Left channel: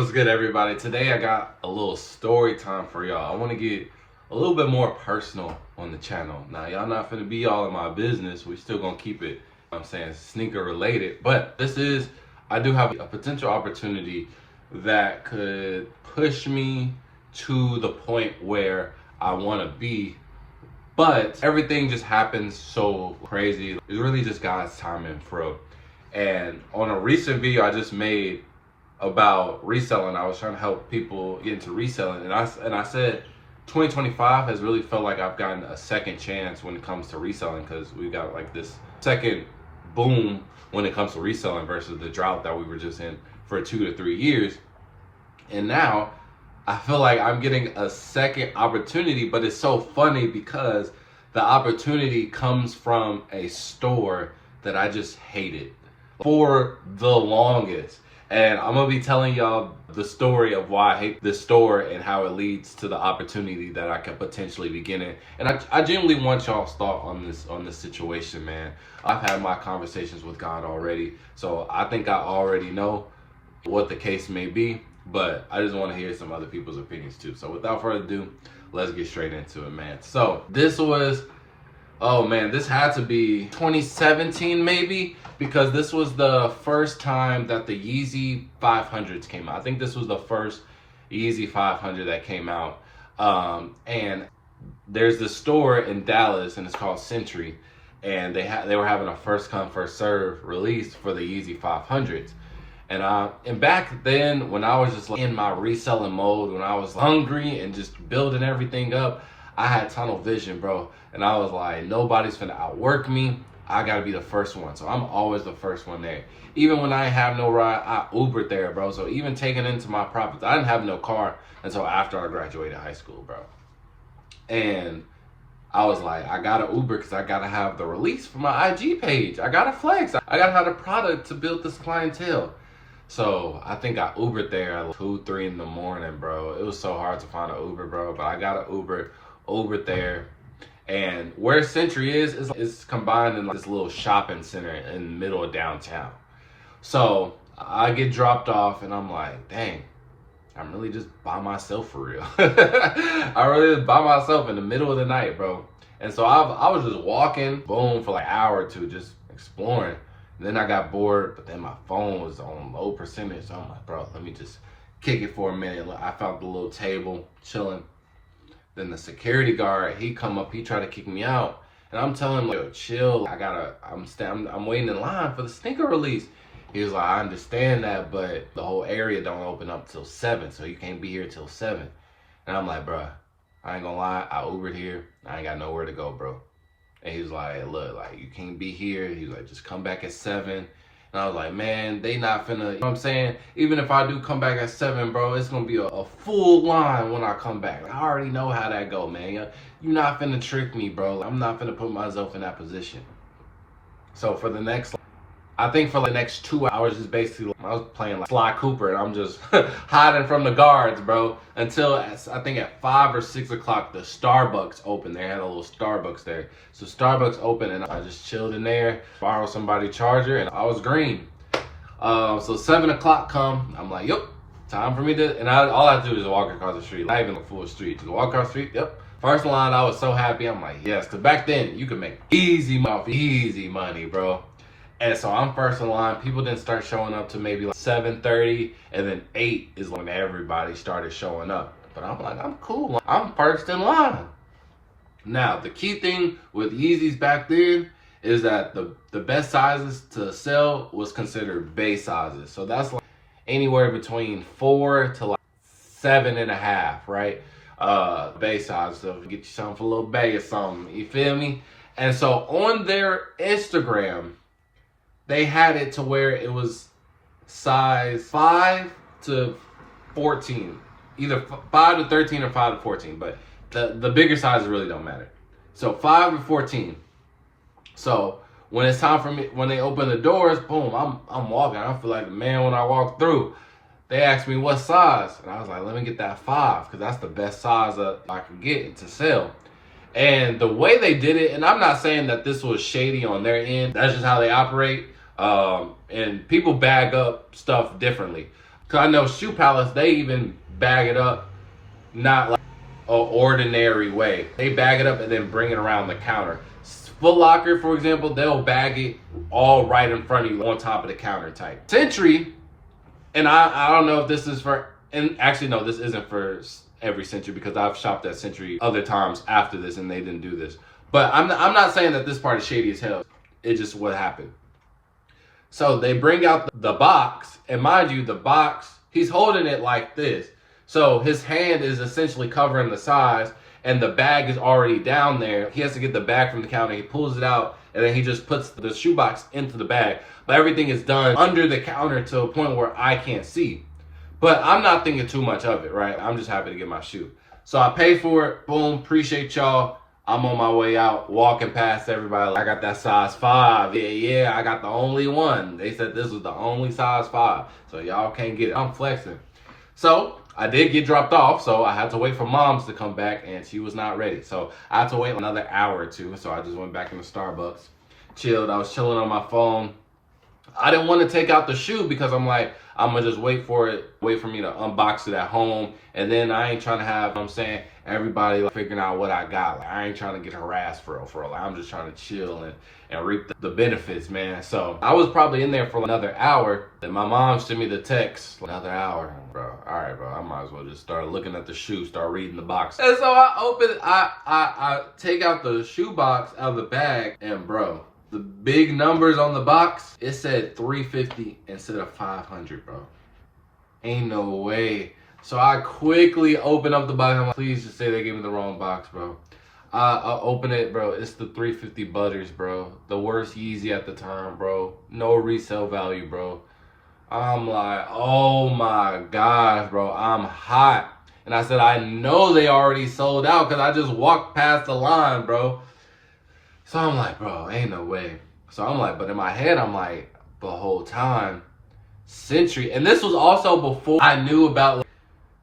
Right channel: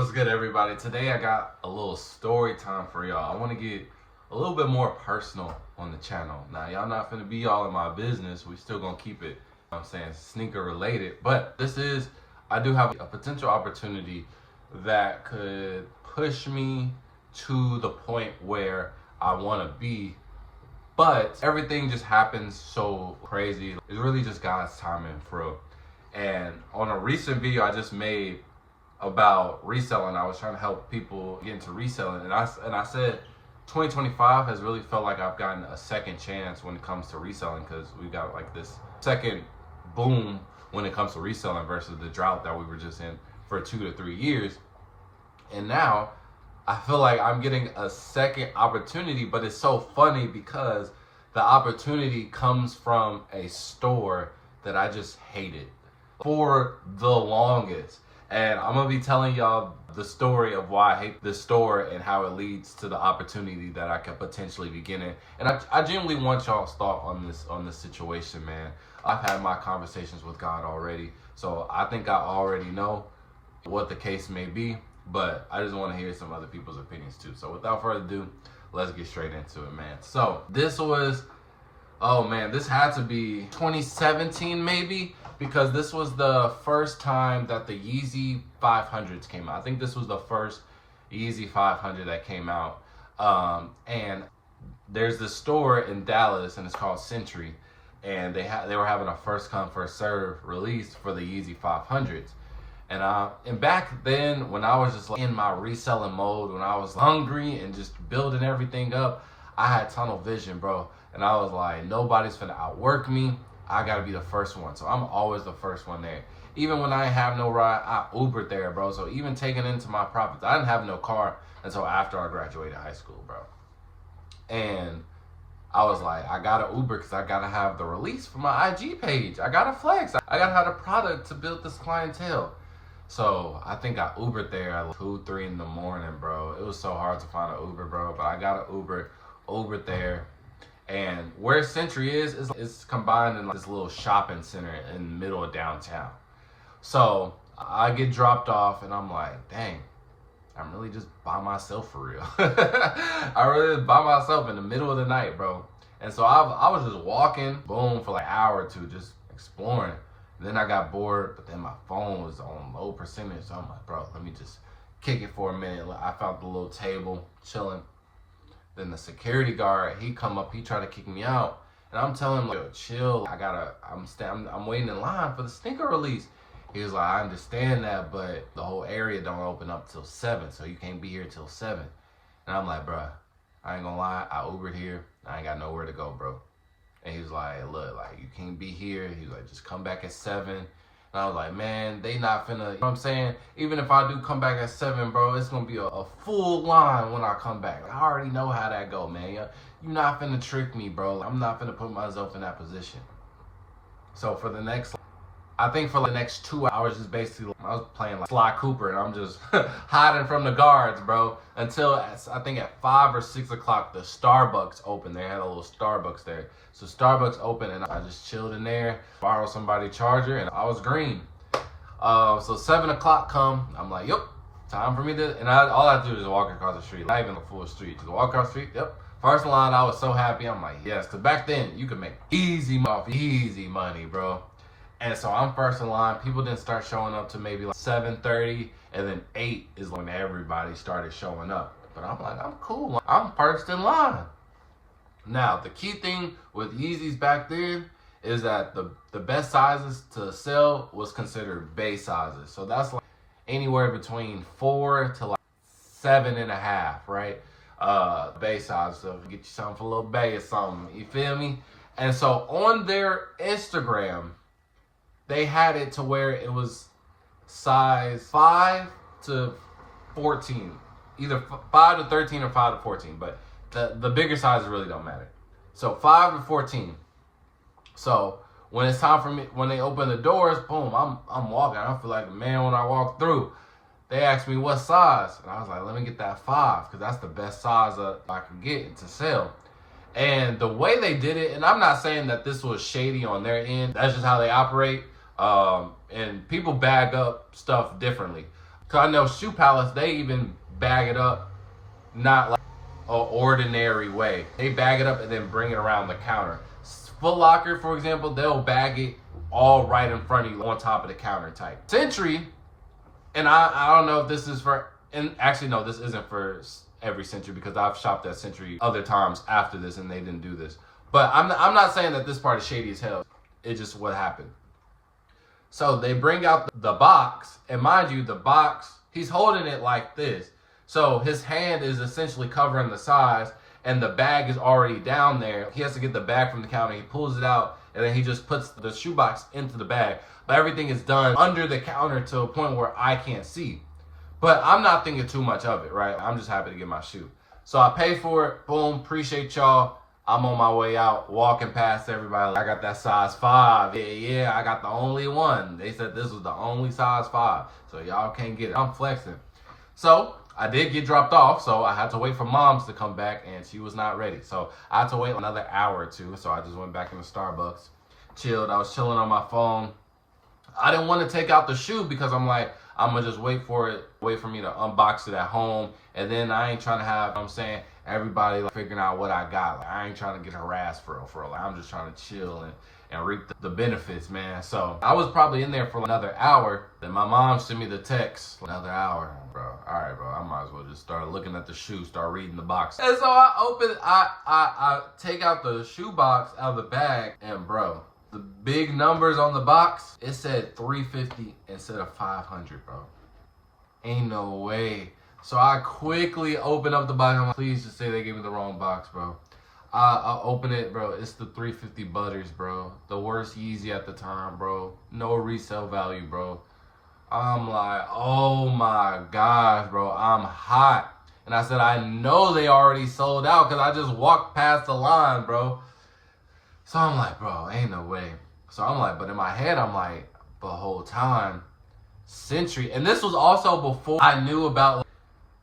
What's good, everybody? Today I got a little story time for y'all. I want to get a little bit more personal on the channel. Now, y'all not finna be all in my business. We still gonna keep it, I'm saying, sneaker related. But I do have a potential opportunity that could push me to the point where I want to be. But everything just happens so crazy. It's really just God's timing, for real. And on a recent video I just made about reselling, I was trying to help people get into reselling, and I said 2025 has really felt like I've gotten a second chance when it comes to reselling, because we've got like this second boom when it comes to reselling versus the drought that we were just in for 2 to 3 years. And now I feel like I'm getting a second opportunity, but it's so funny because the opportunity comes from a store that I just hated for the longest. And I'm gonna be telling y'all the story of why I hate this store and how it leads to the opportunity that I can potentially be getting. And I genuinely want y'all's thought on this situation, man. I've had my conversations with God already, so I think I already know what the case may be, but I just want to hear some other people's opinions too. So without further ado, let's get straight into it, man. So this had to be 2017 maybe, because this was the first time that the Yeezy 500s came out. I think this was the first Yeezy 500 that came out. And there's this store in Dallas, and it's called Century, and they were having a first come first serve release for the Yeezy 500s. And back then, when I was just like in my reselling mode, when I was hungry and just building everything up, I had tunnel vision, bro. And I was like, nobody's finna outwork me. I gotta be the first one. So I'm always the first one there. Even when I have no ride, I Ubered there, bro. So even taking into my profits, I didn't have no car until after I graduated high school, bro. And I was like, I gotta Uber because I gotta have the release for my IG page. I gotta flex. I gotta have the product to build this clientele. So I think I Ubered there at 2, 3 in the morning, bro. It was so hard to find an Uber, bro. But I got an Ubered there. And where Century is combined in like this little shopping center in the middle of downtown. So I get dropped off and I'm like, dang, I'm really just by myself for real. I really just by myself in the middle of the night, bro. And so I was just walking, boom, for like an hour or two, just exploring. And then I got bored, but then my phone was on low percentage. So I'm like, bro, let me just kick it for a minute. I found the little table, chilling. Then the security guard, he come up, he tried to kick me out. And I'm telling him, like, yo, chill. I'm waiting in line for the sneaker release. He was like, I understand that, but the whole area don't open up till 7, so you can't be here till 7. And I'm like, bro, I ain't gonna lie, I Ubered here. I ain't got nowhere to go, bro. And he was like, look, like, you can't be here. He was like, just come back at 7. And I was like, man, they not finna, you know what I'm saying? Even if I do come back at 7, bro, it's gonna be a full line when I come back. I already know how that go, man. You're not finna trick me, bro. I'm not finna put myself in that position. So for the next, I think for the next 2 hours, just basically, I was playing like Sly Cooper, and I'm just hiding from the guards, bro. Until I think at 5 or 6 o'clock, the Starbucks opened. They had a little Starbucks there. So Starbucks opened, and I just chilled in there, borrowed somebody's charger, and I was green. So 7 o'clock come, I'm like, yep, time for me to, and all I have to do is walk across the street, not even a full street, just walk across the street, yep. First line, I was so happy. I'm like, yes, because back then, you could make easy money, bro. And so I'm first in line. People didn't start showing up to maybe like 7:30, and then 8 is when everybody started showing up. But I'm like, I'm cool. I'm first in line. Now, the key thing with Yeezys back then is that the best sizes to sell was considered base sizes. So that's like anywhere between 4 to like 7.5, right? Base size. So get you something for a little bay or something. You feel me? And so on their Instagram, they had it to where it was size 5 to 14. Either 5 to 13 or 5 to 14. But the bigger sizes really don't matter. So 5 to 14. So when it's time for me, when they open the doors, boom, I'm walking. I feel like the man when I walk through. They asked me what size. And I was like, let me get that 5, because that's the best size I could get to sell. And the way they did it, and I'm not saying that this was shady on their end. That's just how they operate. And people bag up stuff differently. Cause I know Shoe Palace, they even bag it up, not like an ordinary way. They bag it up and then bring it around the counter. Foot Locker, for example, they'll bag it all right in front of you on top of the counter type. Century, and I don't know if this is for, and actually no, this isn't for every Century because I've shopped at Century other times after this and they didn't do this. But I'm not saying that this part is shady as hell. It's just what happened. So they bring out the box, and mind you, the box, he's holding it like this. So his hand is essentially covering the size, and the bag is already down there. He has to get the bag from the counter. He pulls it out, and then he just puts the shoebox into the bag. But everything is done under the counter to a point where I can't see. But I'm not thinking too much of it, right? I'm just happy to get my shoe. So I pay for it. Boom. Appreciate y'all. I'm on my way out, walking past everybody. I got that size 5. Yeah, I got the only one. They said this was the only size 5. So y'all can't get it. I'm flexing. So I did get dropped off, so I had to wait for Mom's to come back, and she was not ready. So I had to wait another hour or two, so I just went back into Starbucks, chilled. I was chilling on my phone. I didn't want to take out the shoe because I'm like, I'm going to just wait for me to unbox it at home, and then I ain't trying to have, you know what I'm saying, everybody like figuring out what I got. Like, I ain't trying to get harassed for real. Like, I'm just trying to chill and reap the benefits, man. So I was probably in there for another hour. Then my mom sent me the text, another hour, bro. All right, bro. I might as well just start looking at the shoe, start reading the box. And so I open it, I take out the shoe box out of the bag, and bro, the big numbers on the box, it said 350 instead of 500, bro. Ain't no way. So I quickly open up the box. I'm like, please just say they gave me the wrong box, bro. I open it, bro. It's the 350 Butters, bro. The worst Yeezy at the time, bro. No resale value, bro. I'm like, oh my gosh, bro. I'm hot. And I said, I know they already sold out because I just walked past the line, bro. So I'm like, bro, ain't no way. So I'm like, but in my head, I'm like, the whole time, Century. And this was also before I knew about like,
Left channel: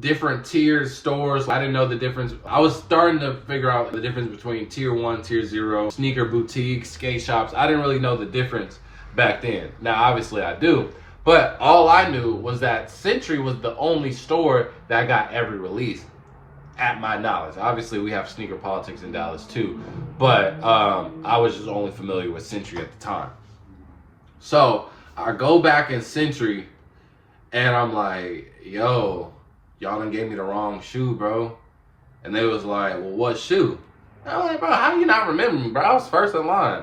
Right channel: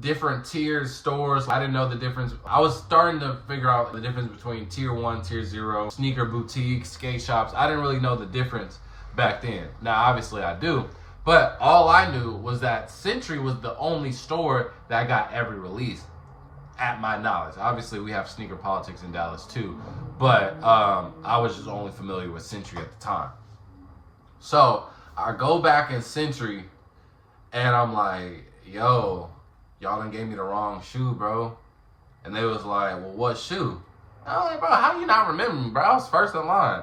different tiers, stores. I didn't know the difference. I was starting to figure out the difference between tier 1, tier 0, sneaker boutiques, skate shops. I didn't really know the difference back then. Now, obviously I do. But all I knew was that Century was the only store that got every release at my knowledge. Obviously, we have sneaker politics in Dallas too. But I was just only familiar with Century at the time. So I go back in Century and I'm like, yo, y'all done gave me the wrong shoe, bro. And they was like, well, what shoe? And I was like, bro, how do you not remember me, bro? I was first in line.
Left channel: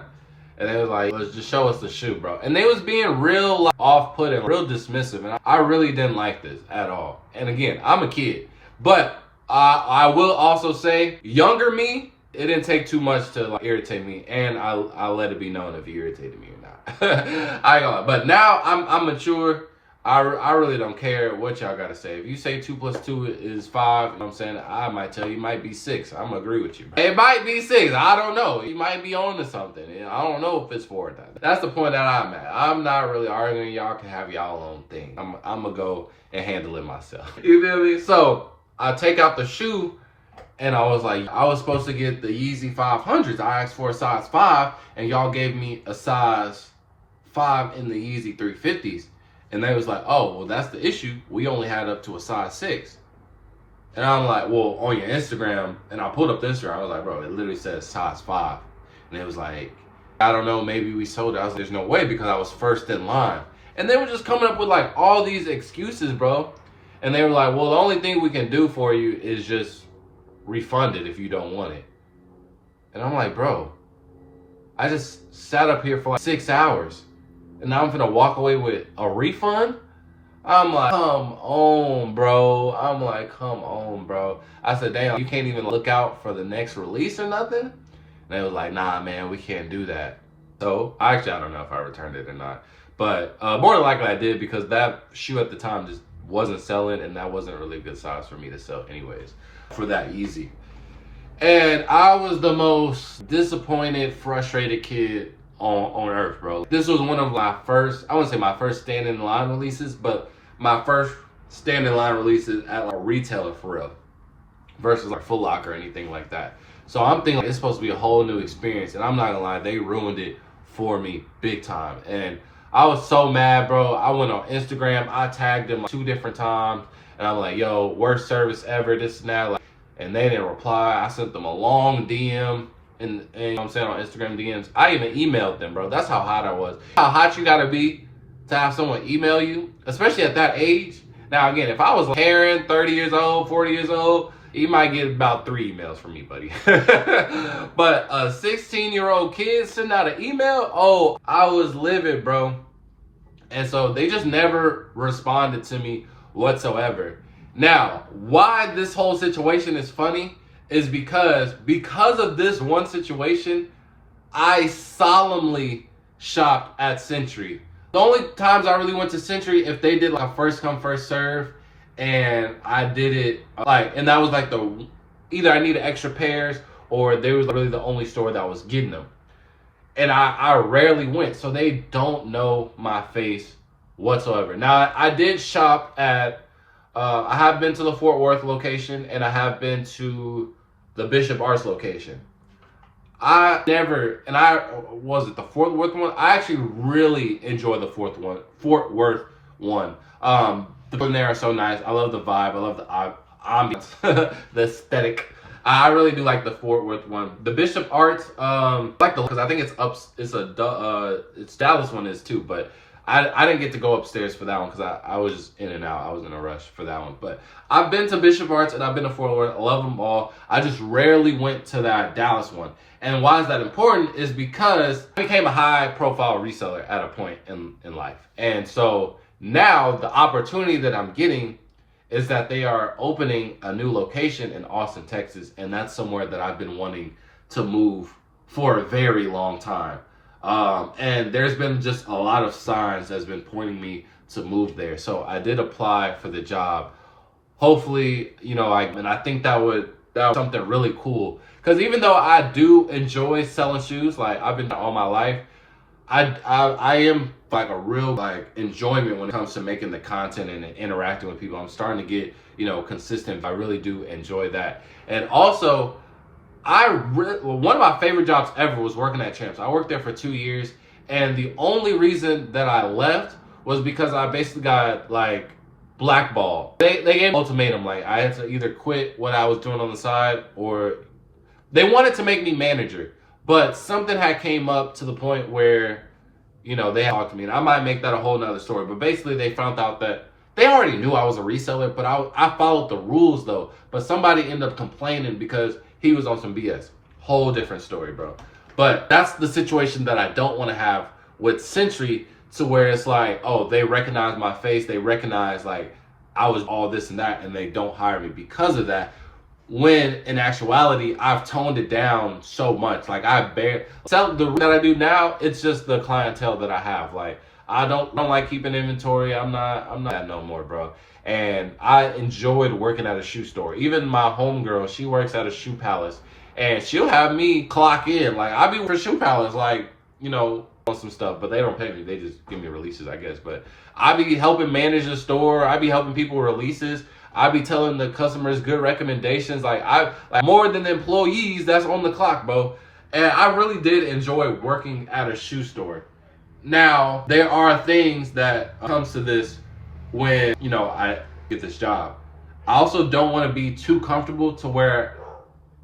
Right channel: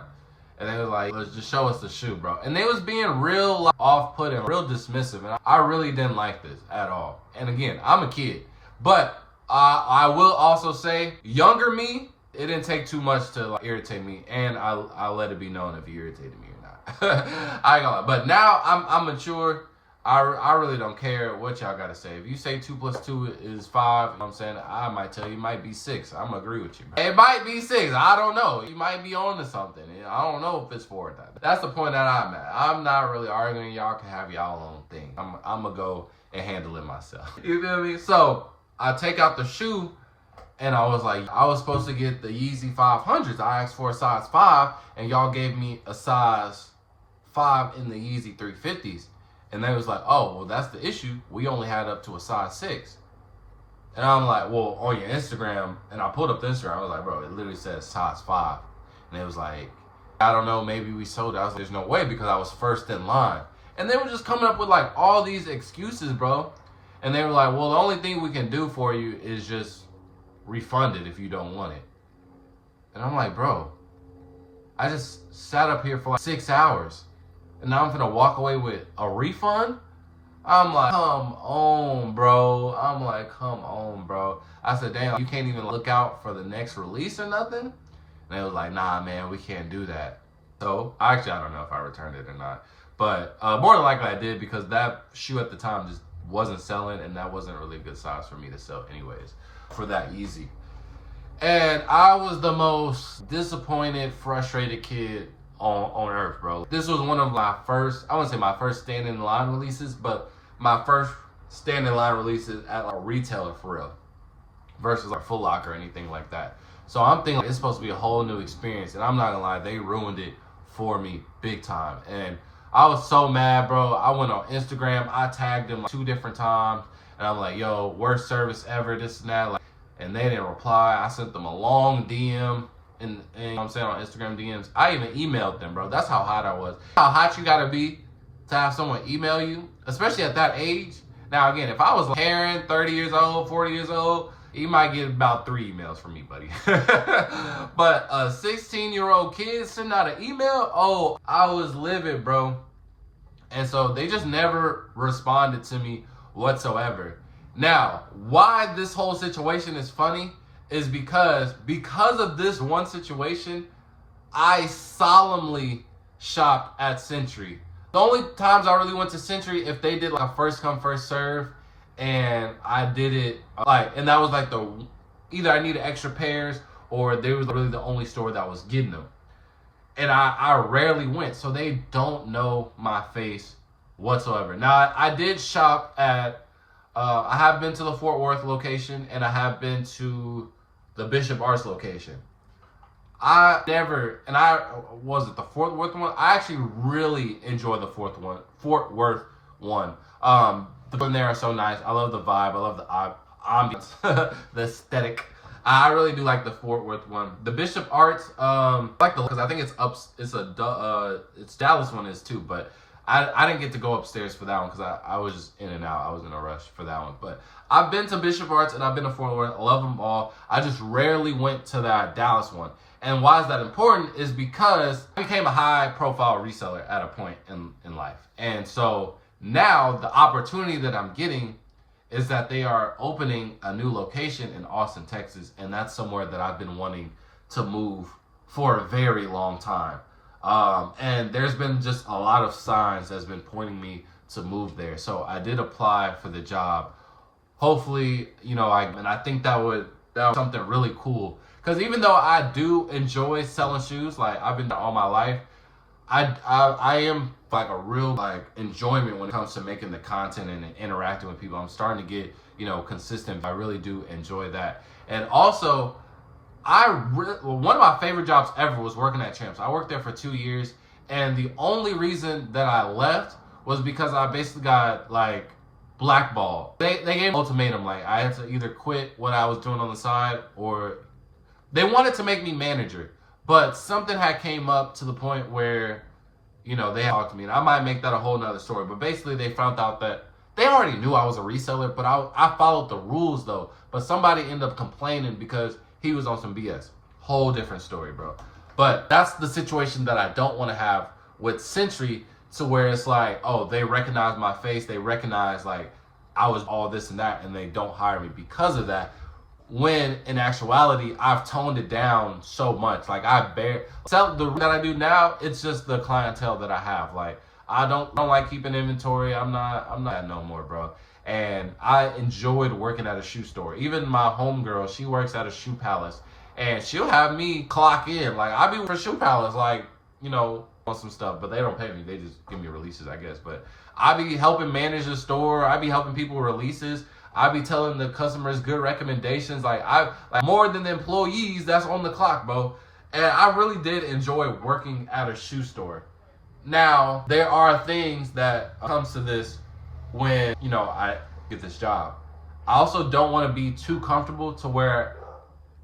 And they was like, let's just show us the shoe, bro. And they was being real like, off-putting, real dismissive. And I really didn't like this at all. And again, I'm a kid. But I will also say, younger me, it didn't take too much to like, irritate me. And I let it be known if he irritated me or not. I ain't gonna lie. But now I'm mature. I really don't care what y'all gotta say. If you say 2 + 2 is 5, you know what I'm saying? I might tell you it might be 6. I'm gonna agree with you. It might be 6. I don't know. You might be on to something. I don't know if it's 4 or not. That's the point that I'm at. I'm not really arguing. Y'all can have y'all own thing. I'm gonna go and handle it myself. You feel me? So I take out the shoe and I was like, I was supposed to get the Yeezy 500s. I asked for a size 5 and y'all gave me a size 5 in the Yeezy 350s. And they was like, oh, well, that's the issue. We only had up to a size 6. And I'm like, well, on your Instagram, and I pulled up the Instagram. I was like, bro, it literally says size 5. And it was like, I don't know, maybe we sold it. I was like, there's no way because I was first in line. And they were just coming up with like all these excuses, bro. And they were like, well, the only thing we can do for you is just refund it if you don't want it. And I'm like, bro, I just sat up here for like 6 hours. And now I'm gonna walk away with a refund? I'm like, come on, bro. I'm like, come on, bro. I said, damn, you can't even look out for the next release or nothing? And they was like, nah, man, we can't do that. So, actually, I don't know if I returned it or not. But more than likely I did because that shoe at the time just wasn't selling and that wasn't really a good size for me to sell anyways for that Yeezy. And I was the most disappointed, frustrated kid on earth, bro. This was one of my first, I wouldn't say my first stand in line releases, but my first stand in line releases at a retailer for real versus like Foot Locker or anything like that. So I'm thinking like, it's supposed to be a whole new experience, and I'm not gonna lie, they ruined it for me big time. And I was so mad, bro. I went on Instagram. I tagged them like 2 different times. And I'm like, yo, worst service ever, this and that. Like, and they didn't reply. I sent them a long DM. And you know what I'm saying, on Instagram DMs. I even emailed them, bro. That's how hot I was. How hot you gotta be to have someone email you, especially at that age. Now, again, if I was like Karen, 30 years old, 40 years old, you might get about 3 emails from me, buddy. But a 16-year-old kid sending out an email, oh, I was livid, bro. And so they just never responded to me whatsoever. Now, why this whole situation is funny is because of this one situation, I solemnly shopped at Century. The only times I really went to Century if they did like a first come first serve, and I did it like, and that was like either I needed extra pairs or they was really the only store that was getting them. And I rarely went, so they don't know my face whatsoever. Now I did shop at I have been to the Fort Worth location and I have been to the Bishop Arts location. I was it the Fort Worth one? I actually really enjoy the Fort Worth one. The people there are so nice. I love the vibe. I love the ambiance, the aesthetic. I really do like the Fort Worth one. The Bishop Arts, I like because I think it's up. It's Dallas one is too, but I didn't get to go upstairs for that one because I was just in and out. I was in a rush for that one. But I've been to Bishop Arts and I've been to Fort Worth. I love them all. I just rarely went to that Dallas one. And why is that important is because I became a high profile reseller at a point in life. And so now the opportunity that I'm getting is that they are opening a new location in Austin, Texas. And that's somewhere that I've been wanting to move for a very long time. And there's been just a lot of signs that's been pointing me to move there. So I did apply for the job. Hopefully, I think that was something really cool. Because even though I do enjoy selling shoes, like I've been all my life, I am like a real like enjoyment when it comes to making the content and interacting with people. I'm starting to get, consistent. I really do enjoy that. And also, one of my favorite jobs ever was working at Champs. I worked there for 2 years, and the only reason that I left was because I basically got like blackballed. They gave me an ultimatum, like I had to either quit what I was doing on the side, or they wanted to make me manager, but something had came up to the point where, they had talked to me, and I might make that a whole nother story. But basically, they found out that they already knew I was a reseller, but I followed the rules though. But somebody ended up complaining because he was on some BS. Whole different story, bro. But that's the situation that I don't want to have with Century, to where it's like, oh, they recognize my face, they recognize like I was all this and that, and they don't hire me because of that. When in actuality, I've toned it down so much. Like the that I do now, it's just the clientele that I have. Like I don't like keeping inventory. I'm not that no more, bro. And I enjoyed working at a shoe store. Even my homegirl, she works at a shoe palace, and she'll have me clock in. Like I be for shoe palace, like on some stuff, but they don't pay me. They just give me releases, I guess. But I be helping manage the store. I be helping people with releases. I be telling the customers good recommendations. Like more than the employees that's on the clock, bro. And I really did enjoy working at a shoe store. Now, there are things that comes to this when, I get this job. I also don't want to be too comfortable to where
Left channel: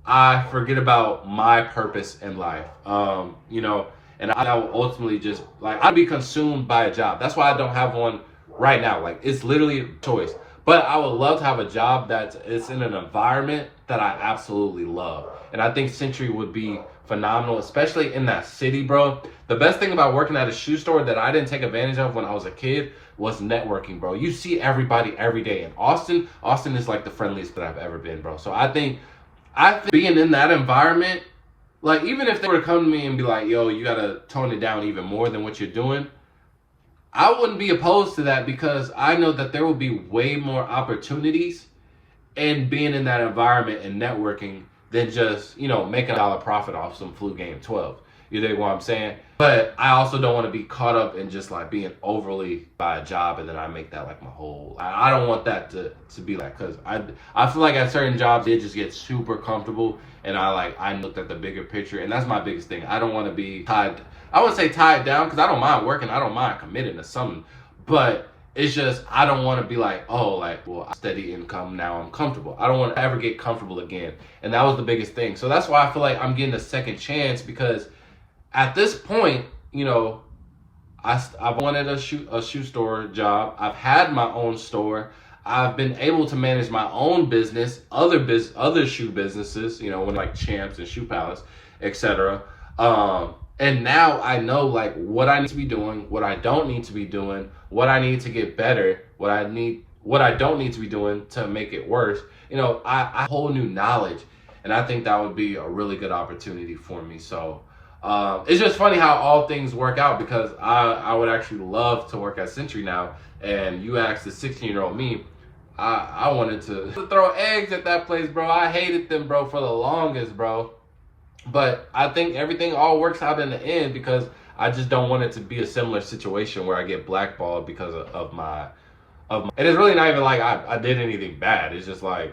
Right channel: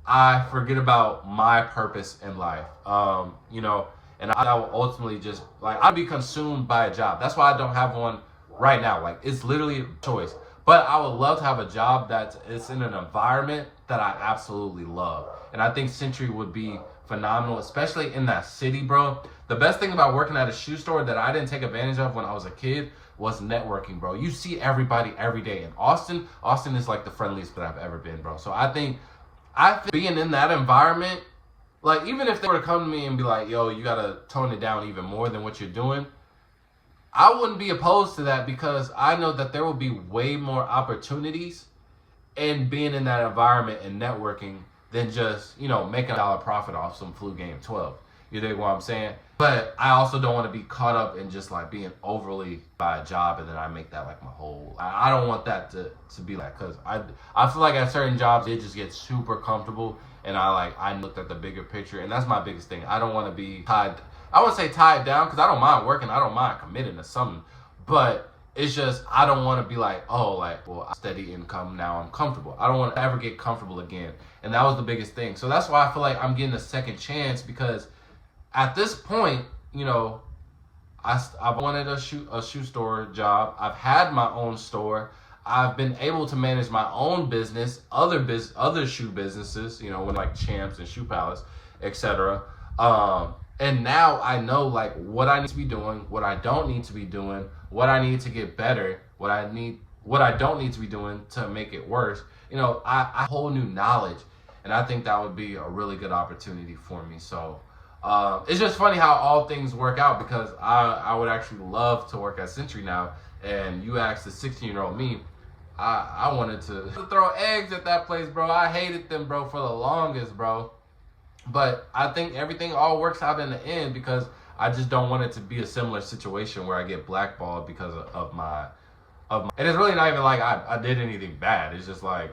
I forget about my purpose in life. And I will ultimately just, I'll be consumed by a job. That's why I don't have one right now. Like, it's literally a choice. But I would love to have a job that is in an environment that I absolutely love. And I think Century would be phenomenal, especially in that city, bro. The best thing about working at a shoe store that I didn't take advantage of when I was a kid was networking, bro. You see everybody every day. In Austin is like the friendliest that I've ever been, bro. So I think being in that environment, like even if they were to come to me and be like, yo, you gotta tone it down even more than what you're doing, I wouldn't be opposed to that, because I know that there will be way more opportunities in being in that environment and networking than just, making $1 profit off some flu game 12. You dig what I'm saying? But I also don't want to be caught up in just like being overly by a job and then I make that like my whole. I don't want that to be like, because I feel like at certain jobs they just get super comfortable, and I looked at the bigger picture, and that's my biggest thing. I don't want to be tied I wouldn't say tie it down because I don't mind working. I don't mind committing to something. But it's just, I don't want to be like, oh, like, well, steady income, now I'm comfortable. I don't want to ever get comfortable again. And that was the biggest thing. So that's why I feel like I'm getting a second chance, because at this point, you know, I've wanted a shoe store job. I've had my own store. I've been able to manage my own business, other shoe businesses, you know, like Champs and Shoe Palace, etc. And now I know like what I need to be doing, what I don't need to be doing, what I need to get better, what I don't need to be doing to make it worse. You know, I have whole new knowledge, and I think that would be a really good opportunity for me. So it's just funny how all things work out, because I would actually love to work at Century now. And you asked the 16-year-old me, I wanted to throw eggs at that place, bro. I hated them, bro, for the longest, bro. But I think everything all works out in the end, because I just don't want it to be a similar situation where I get blackballed because of my. And it's really not even like I did anything bad. It's just like,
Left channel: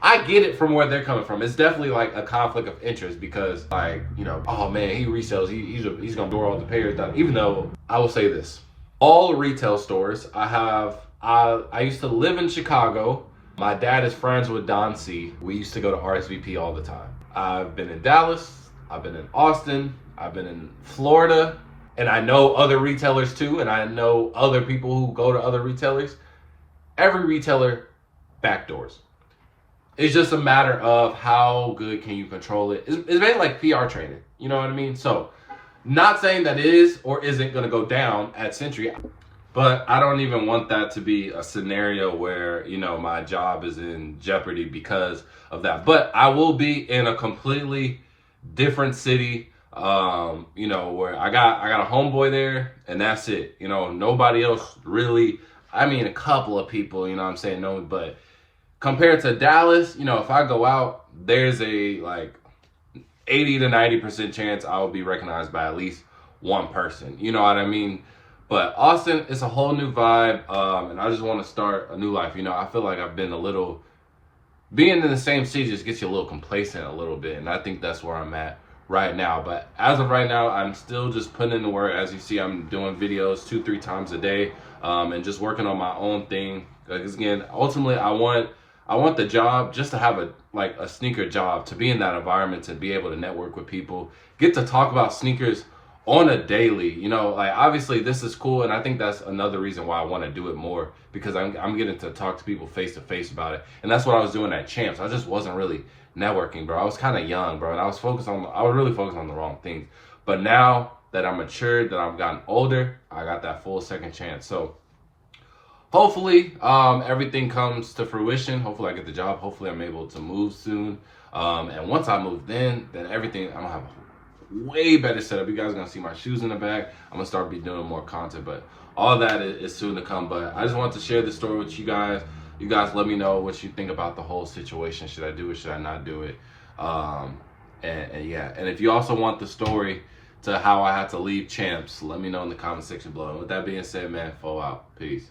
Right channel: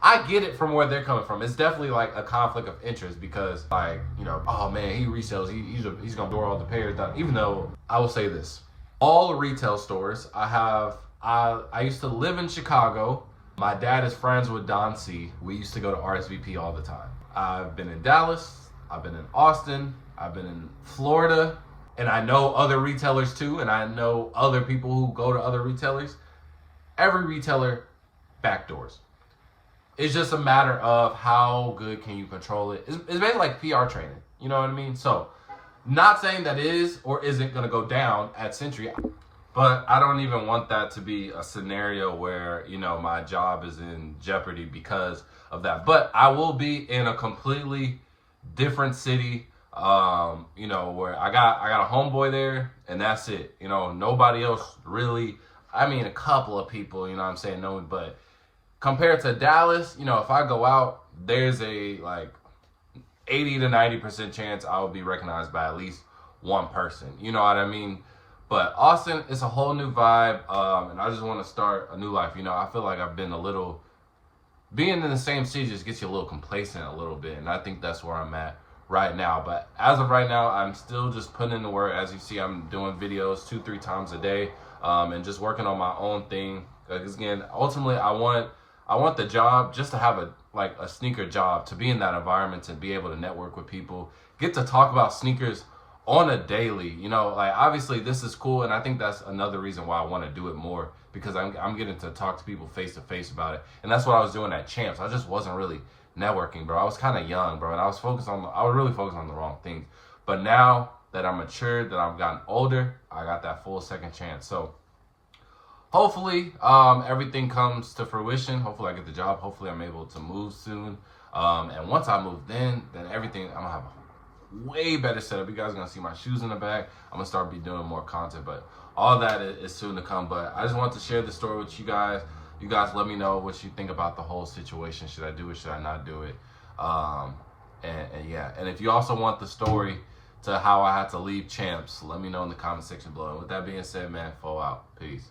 I get it from where they're coming from. It's definitely like a conflict of interest, because like, you know, oh man, he resells, he's gonna do all the payers down. Even though I will say this, all retail stores I used to live in Chicago. My dad is friends with Don C. We used to go to RSVP all the time. I've been in Dallas, I've been in Austin, I've been in Florida, and I know other retailers too, and I know other people who go to other retailers. Every retailer backdoors. It's just a matter of how good can you control it. It's mainly like PR training, you know what I mean? So, not saying that is or isn't going to go down at Century, but I don't even want that to be a scenario where, you know, my job is in jeopardy because of that. But I will be in a completely different city, you know, where I got a homeboy there, and that's it. You know, nobody else really. I mean, a couple of people, you know what I'm saying, no, but compared to Dallas, you know, if I go out, there's a like 80 to 90% chance I will be recognized by at least one person. You know what I mean? But Austin, it's a whole new vibe, and I just want to start a new life. You know, I feel like I've been being in the same city just gets you a little complacent a little bit, and I think that's where I'm at right now. But as of right now, I'm still just putting in the work. As you see, I'm doing videos 2-3 times a day, and just working on my own thing. Because again, ultimately, I want the job just to have a sneaker job, to be in that environment, to be able to network with people, get to talk about sneakers on a daily. You know, like obviously this is cool, and I think that's another reason why I want to do it more, because I'm getting to talk to people face to face about it. And that's what I was doing at Champs. I just wasn't really networking, bro. I was kind of young, bro, and I was really focused on the wrong things. But now that I'm matured, that I've gotten older, I got that full second chance. So hopefully everything comes to fruition. Hopefully I get the job. Hopefully I'm able to move soon. And once I move, then everything, I'm gonna have a way better setup. You guys are gonna see my shoes in the back. I'm gonna start doing more content, but all that is soon to come. But I just wanted to share this story with you guys. You guys let me know what you think about the whole situation. Should I do it? Should I not do it? And yeah, and if you also want the story to how I had to leave Champs, let me know in the comment section below. And with that being said, man, fall out. Peace.